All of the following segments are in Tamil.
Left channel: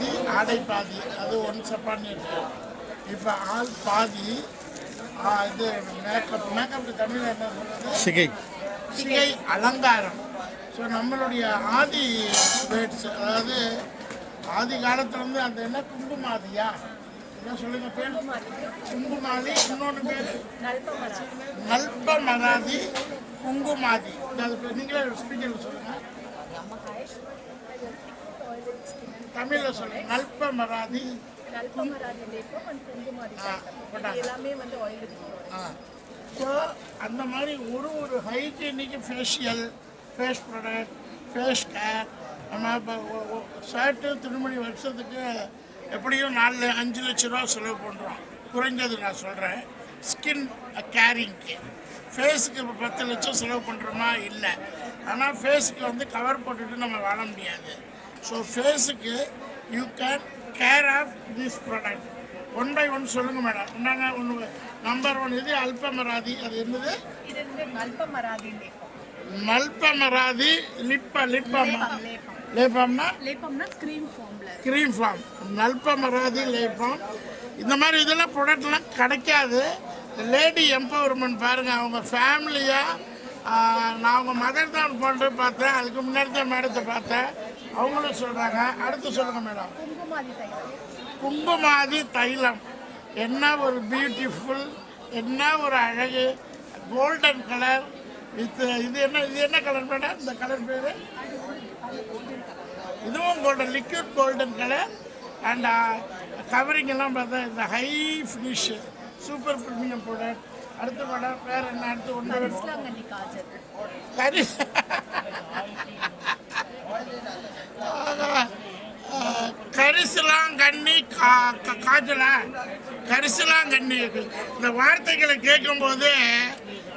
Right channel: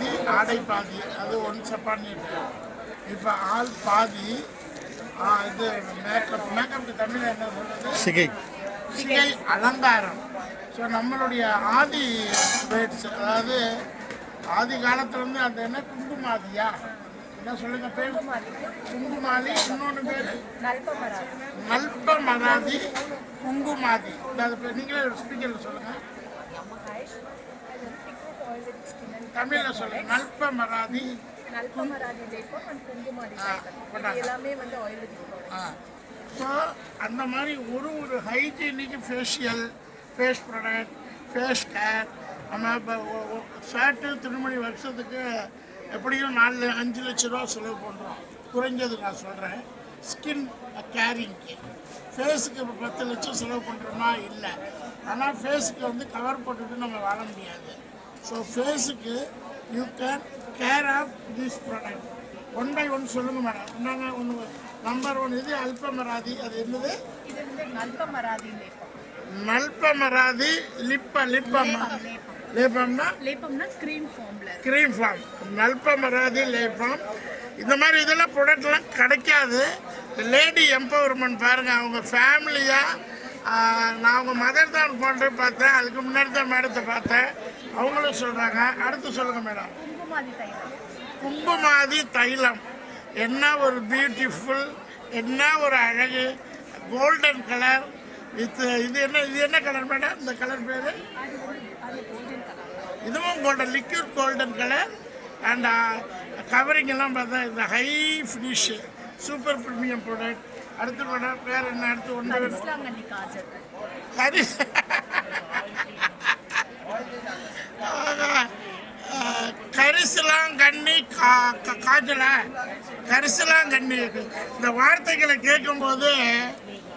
பாதி ஆடை பாதி, அது ஒன்ஸ் அப்பான் எ டைம். இப்போ ஆள் பாதி. இது மேக்கப்புக்கு தமிழ் என்ன சொல்றது? சிகை அலங்காரம். ஸோ நம்மளுடைய ஆதி வேர்ட்ஸ், அதாவது ஆதி காலத்தில் வந்து அந்த என்ன குங்குமாதியா என்ன சொல்லுங்க பேர்? குங்குமாதி. இன்னொன்று பேர் நல்பமராதி, குங்குமாதி. அதாவது நீங்களே ஸ்பீக்கரில் சொல்லுங்கள், தமிழில் சொல்லுங்கள். நல்பமராதி, ஸோ அந்த மாதிரி ஒரு hygienic facial, face product, face care. நம்ம இப்போ ஷர்ட்டு துணிமணி வருஷத்துக்கு எப்படியும் 4-5 லட்ச ரூபா செலவு பண்ணுறோம் குறைஞ்சது. நான் சொல்கிறேன் ஸ்கின் கேரிங்க்கு. ஃபேஸுக்கு இப்போ 10 லட்சம் செலவு பண்ணுறோமா? இல்லை. ஆனால் ஃபேஸுக்கு வந்து கவர் போட்டுட்டு நம்ம வாழ முடியாது. ஸோ ஃபேஸுக்கு you can care of this product. 1 by 1 சொல்லுங்கள் மேடம். என்னங்க ஒன்று நம்பர் 1 இது அல்பமராதி. அது என்னது? நல்பமராதி லிப்பம்மா. லேப்பம்னா க்ரீம் ஃபார்ம். நல்பமராதி லேப்பம். இந்த மாதிரி இதெல்லாம் ப்ராடக்ட்லாம் கிடைக்காது. லேடி எம்பவர்மெண்ட் பாருங்கள். அவங்க ஃபேமிலியாக நான் அவங்க மதர் தான் போன்று பார்த்தேன். அதுக்கு முன்னாடி தான் மேடத்தை பார்த்தேன். அவங்களும் சொல்கிறாங்க. அடுத்து சொல்லுங்கள் மேடம். குங்குமாதி தைலம். என்ன ஒரு பியூட்டிஃபுல், என்ன ஒரு அழகு. கோல்டன் கலர் வித் இது என்ன கலர் மேடம்? இந்த கலர் பேர் இதுவும் golden, liquid golden colour. And covering எல்லாம் பார்த்தா இந்த high finish super premium product. அடுத்து மேடம் பேர் என்ன? அடுத்து ஒன்று கரிசலாங்கண்ணி காஜல. கரிசலாங்கண்ணி, இந்த வார்த்தைகளை கேட்கும்போது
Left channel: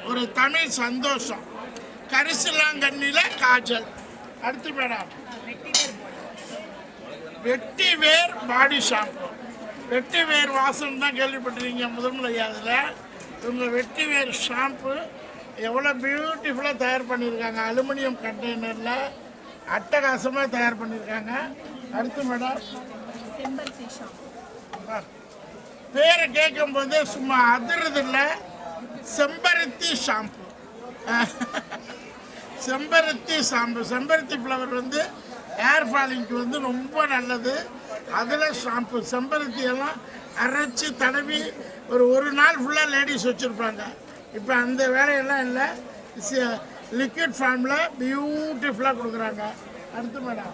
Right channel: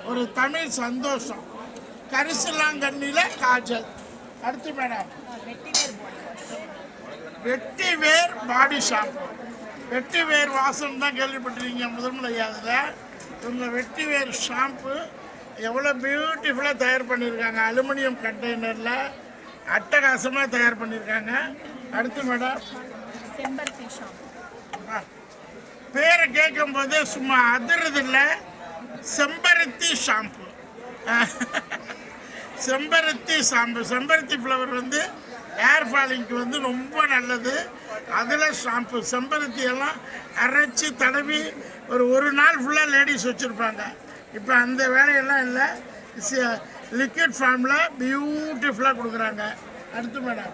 ஒரு தமிழ் சந்தோஷம். கரிசலாங்கண்ணியில் காஜல். அடுத்து மேடம் வெட்டிவேர் பாடி ஷாம்பு. வெட்டிவேர் வாசம் தான் கேள்விப்பட்டிருக்கீங்க முதன்முறையாக. அதில் இவங்க வெட்டிவேர் ஷாம்பு எவ்வளோ பியூட்டிஃபுல்லாக தயார் பண்ணியிருக்காங்க. அலுமினியம் கண்டெய்னரில் அட்டகாசமாக தயார் பண்ணியிருக்காங்க. அடுத்து மேடம் செம்பருத்தி ஷாம்பு. பேரை கேட்கும்போது சும்மா அதிர்றது இல்லை. செம்பருத்தி ஷாம்பு. செம்பருத்தி ஷாம்பு. செம்பருத்தி ஃப்ளவர் வந்து ஹேர் ஃபாலிங்க்கு வந்து ரொம்ப நல்லது. அதில் ஷாம்பு செம்பருத்தி எல்லாம் அரைச்சி தடவி ஒரு நாள் ஃபுல்லாக லேடிஸ் வச்சுருப்பாங்க. இப்போ அந்த வேலையெல்லாம் இல்லை. லிக்விட் ஃபார்மில் பியூட்டிஃபுல்லாக கொடுக்குறாங்க. அடுத்து மேடம்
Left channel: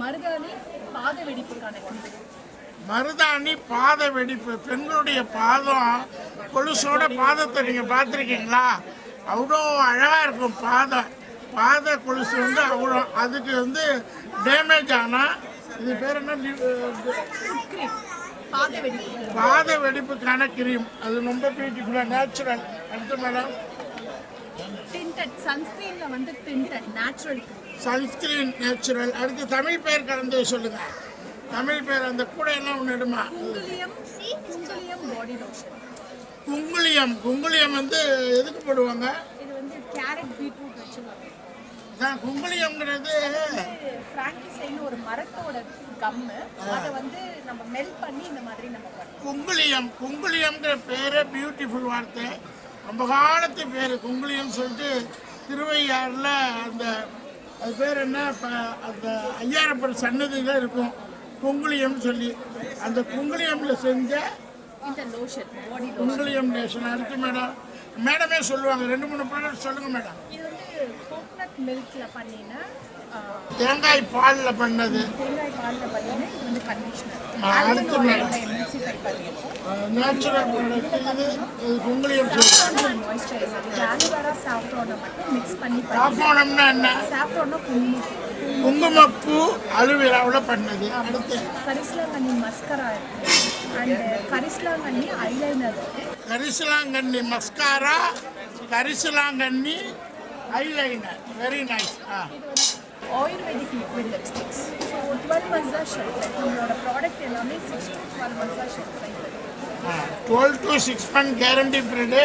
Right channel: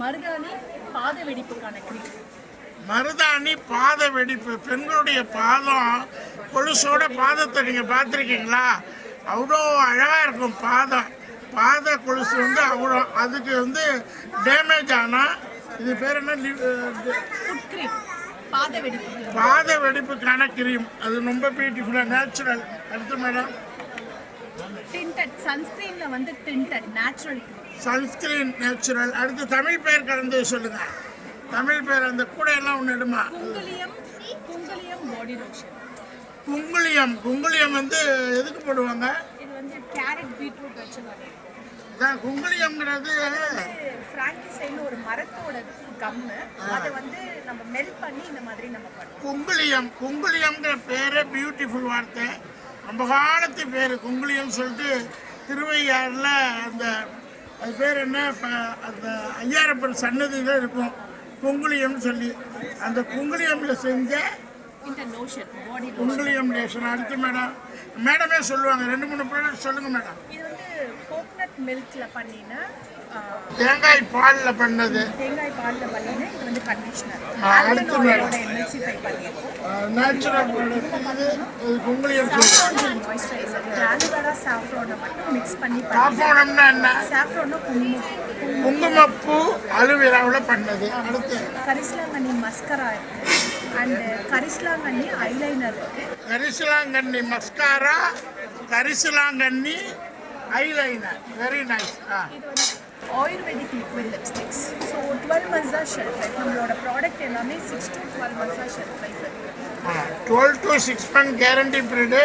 மருதாணி பாத வெடிப்புக்கான க்ரீம். மருதாணி பாத வெடிப்பு. பெண்களுடைய பாதம் கொலுசோட பாதத்தை நீங்கள் பார்த்துருக்கீங்களா? அவ்வளோ அழகாக இருக்கும் பாதம். பாத கொலுசு வந்து அவ்வளோ, அதுக்கு வந்து டேமேஜ் ஆனால் இது பேர் என்ன? பாத வெடிப்புக்கான கிரீம். அது ரொம்ப பியூட்டிஃபுல்லாக நேச்சுரல். அடுத்து மேடம் சன்ஸ்கிரீனில் வந்து நேச்சுரல் சன்ஸ்கிரீன் நேச்சுரல். அடுத்து தமிழ் பேர் கலந்து சொல்லுங்கள். தமிழ் பேர் அந்த கூடையெல்லாம் ஒன்று எடுமா. குங்குளியம். குங்குளியம் வந்து எதுக்கு போடுவாங்க? இது வந்து கேரட் பீட்ரூட் வச்சு குங்குளியம்ங்கிறது பிராங்கிசைன்னு ஒரு மரத்தோட கம்மு. அதை வந்து நம்ம மெல்ட் பண்ணி இந்த மாதிரி நம்ம பண்ணுவோம். குங்குளியம். குங்குளியம்ங்கிற பேரே பியூட்டிஃபுல் வார்த்தை. ரொம்ப காலத்து பேர் குங்குளியம் சொல்லிட்டு திருவையாறில் அந்த அது பேர் என்ன, அந்த ஐயாரப்பர் சன்னதியில் இருக்கும் குங்குளியம்னு சொல்லி. அந்த குங்குளியமில் செஞ்ச இந்த லோஷன், பாடி குங்குளியம் லோஷன். அடுத்து மேடமே சொல்லுவாங்க. 2-3 ப்ராடக்ட் சொல்லுங்கள் மேடம். இது வந்து கோகனட் மில்கில் பண்ணின, தேங்காய் பாலில் பண்ணது. தேங்காய் பாலில் பண்ணின இது வந்து கண்டிஷனர். ஆல்கனாய்டோட எம்எல்சிஃபை பண்ணியிருக்கோம். Natural product. குங்குளியம் மாய்ஸ்சரைசர். இது ஆலோவேரா சாஃப்ரானை மட்டும் மிக்ஸ் பண்ணி சாஃப்ரானம்னா என்ன? சாஃப்ரானா குங்குமப்பூ அலுவேராவில் பண்ணது. அடுத்து கரிசலாங்கண்ணி மஸ்கரா இருக்குது. அண்ட் கரிசலாங்கண்ணி ஐலைனர் இருக்குது. கரிசலாங்கண்ணி மஸ்காரா, கரிசலாங்கண்ணி ஐலைனர். Very nice. இது வந்து ayurvedic liquid lipsticks. So 12 months தான் ஷெல்ஃப் லைஃப். நம்மளோட ப்ராடக்ட் எல்லாமே 6 to 12 months தான் ஷெல்ஃப் லைஃப் இருக்குது. 12 to 6 month guarantee period.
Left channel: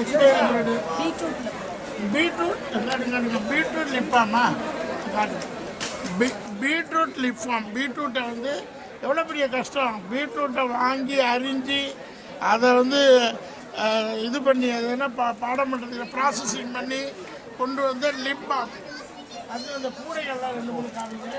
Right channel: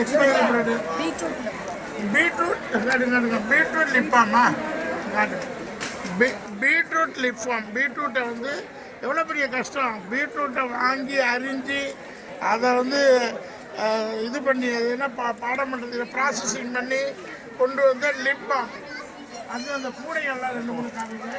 Expiry period. Beetroot lip balm. Beetroot லிப்பாமா? Beetroot lip form. பீட்ரூட்டை வந்து எவ்வளோ பெரிய கஷ்டம். பீட்ரூட்டை வாங்கி அரிஞ்சு அதை வந்து இது பண்ணி அது என்ன பாடம் பண்ணுறதுக்கு ப்ராசஸிங் பண்ணி கொண்டு வந்து லிப் பாம். அது அந்த கூடைகள்லாம் 2-3 காமிங்க.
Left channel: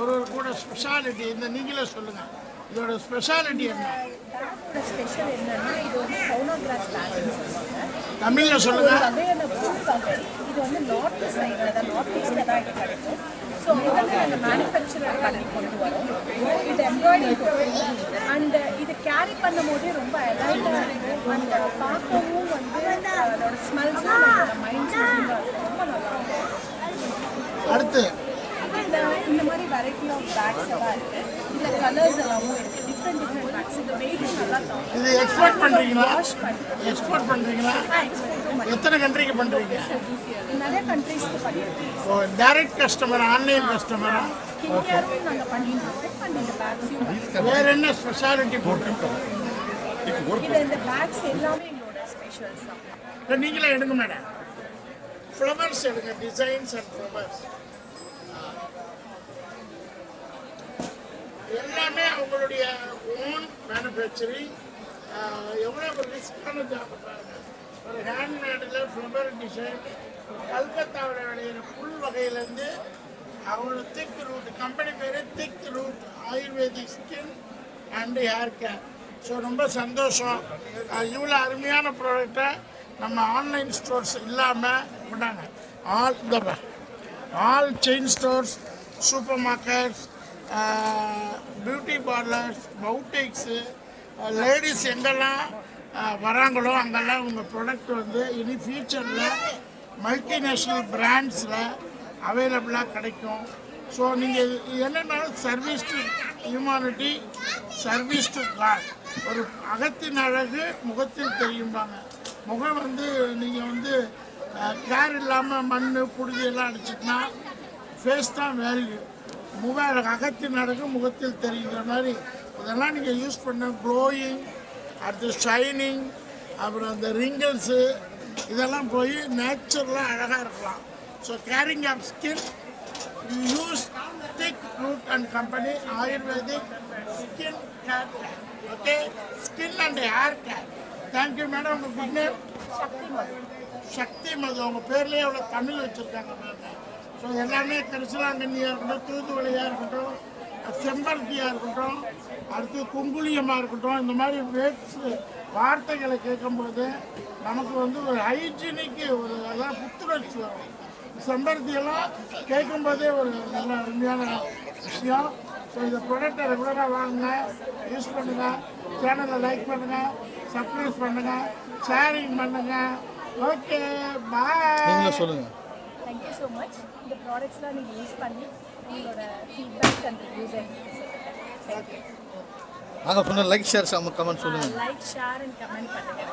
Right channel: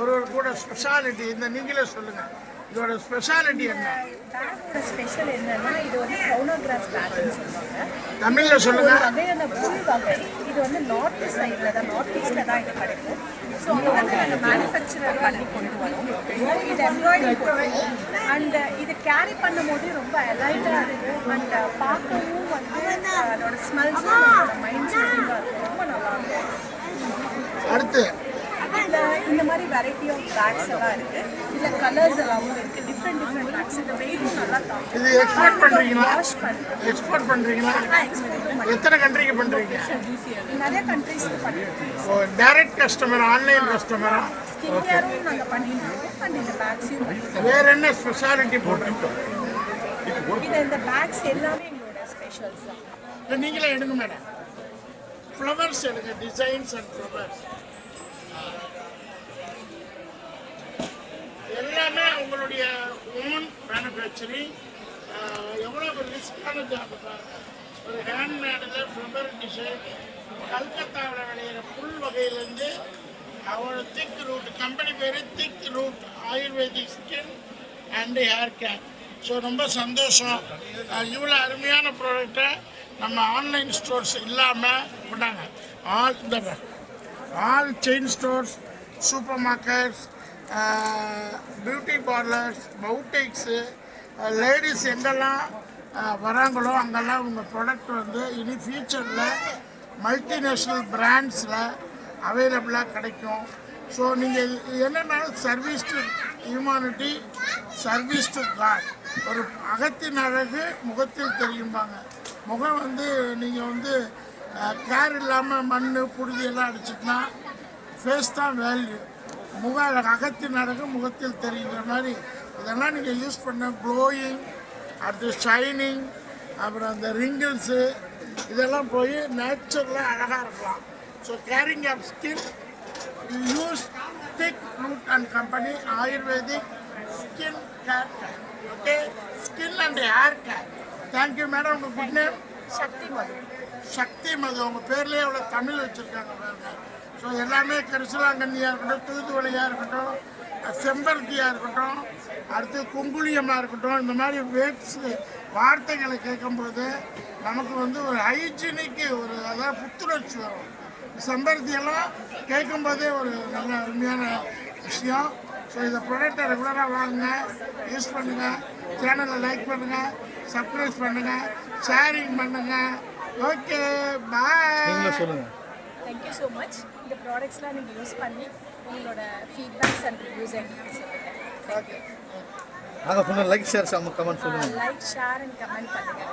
ஒரு கூட ஸ்பெஷாலிட்டி இந்த நீங்களே சொல்லுங்கள், இதோட ஸ்பெஷாலிட்டி என்ன? பேக்கோட ஸ்பெஷல் என்னன்னா இது வந்து கவுனோகிராஸ் பேக்னு சொல்லுவாங்க. தமிழில் சொல்லுங்கள். ஒரு வகையான புல் வகை. இது வந்து நார்த் சைடில் தான், நார்த் ஈஸ்டில் தான் இது கிடைக்கும். ஸோ அங்கே நாங்கள் மேனுஃபேக்சரர் பண்ணி கொண்டு வரோம். இது எம்ப்ராய்டரி போடுறோம். அண்ட் இது கேரி பண்ணும் போதே ரொம்ப எலைட்டாக இருக்கும். அண்ட் பார்க்கவும் வந்து அதோட ஸ்மெல்ஸும் நம்மளோட மைண்ட் செட்டிங்காக இருக்கும். ரொம்ப நல்லாயிருக்கும். அடுத்து இந்த மாதிரி வெரைட்டி ஆஃப் பேக்ஸ் எல்லாம் இருக்கு. இதுல கலர்ஸ் எல்லாமும் இருக்கு. Different packs. இந்த வெயிட்டும் நல்லா தாங்கும். இது எக்ஸ்போர்ட் பண்ணுறீங்களா? வாஷ் பண்ணுறோம். எக்ஸ்போர்ட் பண்ணுறீங்களா? எக்ஸ்போர்ட்டும் பண்ணி எத்தனை கண்ட்ரிக்கு பண்ணுறீங்க? நிறைய கண்ட்ரீஸ்க்கு பண்ணிருக்கோம். ஸோ டைரக்ட் கஸ்டமர், ஆன்லைன் கஸ்டமரா? ஸ்கின் கேரும் நாங்கள் பண்ணிட்டு இருக்கோம். அண்ட் இந்த பேக்ஸையும் பண்ணிருக்கோம். வேற என்ன ஸ்பெஷாலிட்டி போட்டுருக்கோம்? இந்த பேக்ஸ் எல்லாமே எங்களோட ஸ்பெஷல்ஸ் தான். நீங்களே எடுங்க மேடம். ஃப்ளவர்ஸ் எடுங்க, டிசைன்ஸ் அண்ட் ஃப்ளவர்ஸ் எல்லாமே உங்களுடைய ஓன் மேனுஃபேக்சரிங். எவ்வளோ ஒரு ரிஸ்கான ஜாப். ஒரு ஹேண்ட்மேடில் ஃப்ளவர் டிசைன் கல்கத்தாவில் விளையிற புல் வகையிலேருந்து அவங்களோட திக் ரூட், கம்பெனி பேர் thick root ayurvedic skin and hair care. So ரொம்ப சந்தோஷம். இவ்வளோ அருமையான ப்ராடக்டை நம்ம ஆன்லைன் ஸ்டோர்ஸ் இல்லாமல் விட்டாங்க. All chain stores, supermarkets, beauty parlours, boutiques, ladies எங்கெல்லாம் வராங்களோ அங்கெல்லாம் உங்கள் ப்ராடக்ட் வந்து இனி ஃபியூச்சரில் மல்டிநேஷ்னல் பிராண்ட்ஸில் அவைலபிளாக கிடைக்கும். ஸோ நீங்கள் என்னென்னா service to humanity, service to God. ஒரு அகத்தின் அழகு முகத்தில் தெரியும்பாங்க. முகம் வந்து நீங்கள் வந்து கேர் இல்லாமல் மண் புழுதியெல்லாம் அடிச்சிட்டுனா ஃபேஸ் தான் வேல்யூ. அகத்தின் அழகு முகத்தில் தெரிகிற மாதிரி இதெல்லாம் நீங்கள் யூஸ் பண்ண க்ளோயிங், அடுத்து ஷைனிங், அப்புறம் அந்த ரிங்கிள்ஸு இதெல்லாம் போய் நேச்சுரலாக அழகாக இருக்கலாம். So caring of skin, use thick root and company Ayurvedic skin care. Okay, skin and hair care. Thank you madam. உங்கள் குட் நேம்? சக்தி மது. சக்தி மது. உங்கள் பேர்லேயே அவ்வளோ தமிழ் வச்சுருக்காங்க பாருங்க. ஸோ எல்லாமே கரிசலாங்கண்ணியாக இருக்கட்டும், தூதுவளையாக இருக்கட்டும், செம்பருத்தியாக இருக்கட்டும், அடுத்து குங்குளியமாக இருக்கட்டும், இந்த மாதிரி வார்த்தைகளை கேட்கும்போது நமக்கு வந்து ஒரு ஹைஜீனிக்கு ஒரு அதான் புத்துணர்ச்சி வரும். செம்பருத்தியெல்லாம் கேட்கும்போதே ஒரு நல்ல அருமையான விஷயம். ஸோ இந்த ப்ராடக்டை ரெகுலராக வாங்குங்க, யூஸ் பண்ணுங்கள், சேனலை லைக் பண்ணுங்கள், சப்ஸ்கிரைப் பண்ணுங்கள், ஷேரிங் பண்ணுங்கள். ஓகே, பாய். சொல்லுங்கள். Thank you so much. இந்த ப்ராடக்ட்ஸ்லாம் நீங்கள் யூஸ் பண்ணி உங்களோட ஃபீட்பேக்ஸ் அண்ட் ரிவ்யூஸ் எங்களுக்கு சொல்லுங்கள். தேங்க்யூ. நாங்கள் சொன்ன லைக் ஷேர் கமெண்ட் சொல்லுங்கள். லைக் ஷேர் அண்ட் கமெண்ட் பண்ணுங்கள்.